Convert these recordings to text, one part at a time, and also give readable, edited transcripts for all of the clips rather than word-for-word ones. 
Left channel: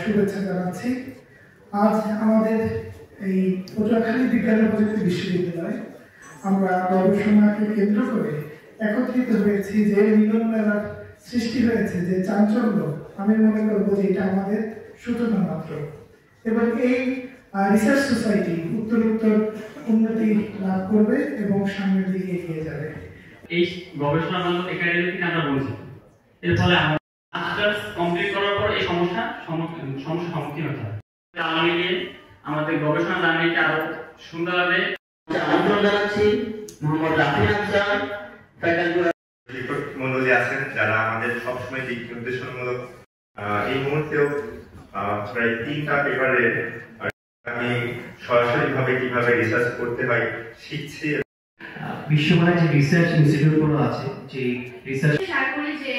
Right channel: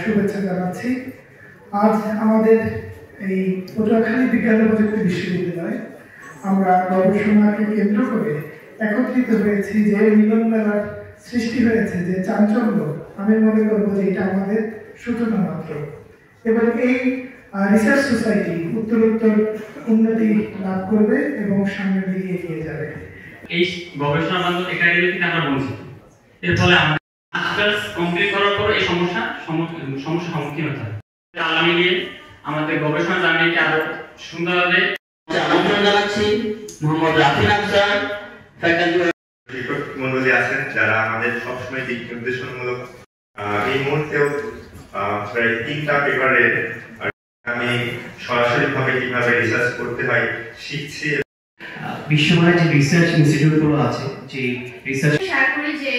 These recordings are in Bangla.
শুভেচ্ছা জানাচ্ছি। আজ আমাদের এই পটুয়াখালী বিজ্ঞান ও প্রযুক্তি বিশ্ববিদ্যালয়ে আমরা গবেষণাকে কেন্দ্র করে একত্রিত হয়েছি, যে মিলন মেলার সৃষ্টি হয়েছে, যে চাঞ্চল্য, আমি মনে করবো যে এটা আমাদের সূচনা মাত্র। এবং এই রিসার্চ সোসাইটি উত্তরোত্তর উন্নতি লাভ করবে এবং সামনের দিকে এগিয়ে যাবে। এই গবেষণা বান্ধব একাডেমি থেকে আমরা বঞ্চিত। এর ফলে আমরা মাস্টার্স কমপ্লিট করার পর এই সমস্যার সম্মুখীন হতে হয়। আল্লাহ মিলিয়ে আমাদের গবেষণা জার্নিটা আরো সুন্দরভাবে আমন্ত্রণ জানাচ্ছি মোহাম্মদ রাফিন আফসার ফ্যাকাল্টি শিক্ষক মণ্ডলী আছেন যারা আমাদের সবসময় দিক নির্দেশনামূলক। এই মুহূর্তেও প্রায় 3টা পেপারে আমি সরাসরিভাবে কিভাবে রিসার্চ করতে হয় শিখছি। বিশ্বমানের যে রিসার্চ ইনস্টিটিউটগুলো আছে, যে রিসার্চ শেয়ার করি যে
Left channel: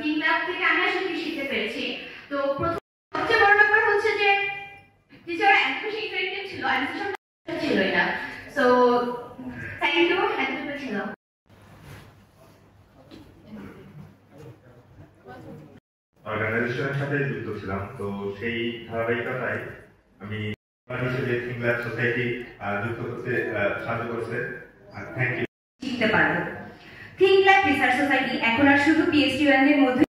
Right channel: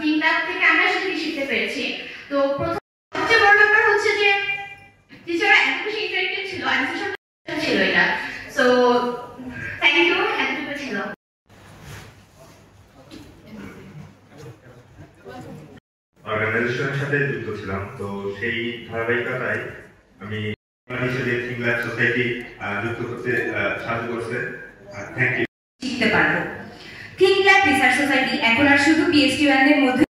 3 লাখ থেকে আমরা সেটা শিখতে পেরেছি। তো প্রথম সবচেয়ে বড় ব্যাপার হচ্ছে যে টিচাররা এত বেশি ইন্টারেক্টিভ ছিল, অ্যান্সার ছিল এটা। সো থ্যাংক ইউ, এতটুকু ছিল। অর্গানাইজেশনের সাথে যুক্ত ছিলাম, তো সেই ধারাবাহিকতায় আমি হিসেবে থিঙ্ক ল্যাব সোসাইটি যুক্ত করতে সাহায্য করছে। Thank you. শিখতে পারবো। থিঙ্ক ল্যাব রিসার্চ সোসাইটি এখন আর শুধু পিএইচডি ওয়ানদের মধ্যে,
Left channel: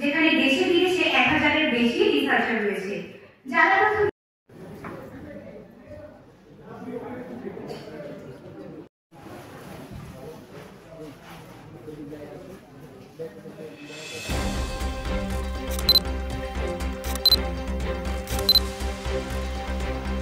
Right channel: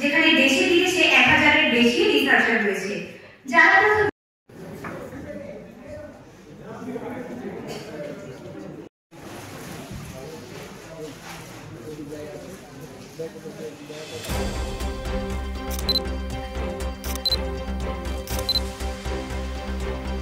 যেখানে দেশে বিদেশে 1000-এর বেশি রিসার্চার রয়েছে যারা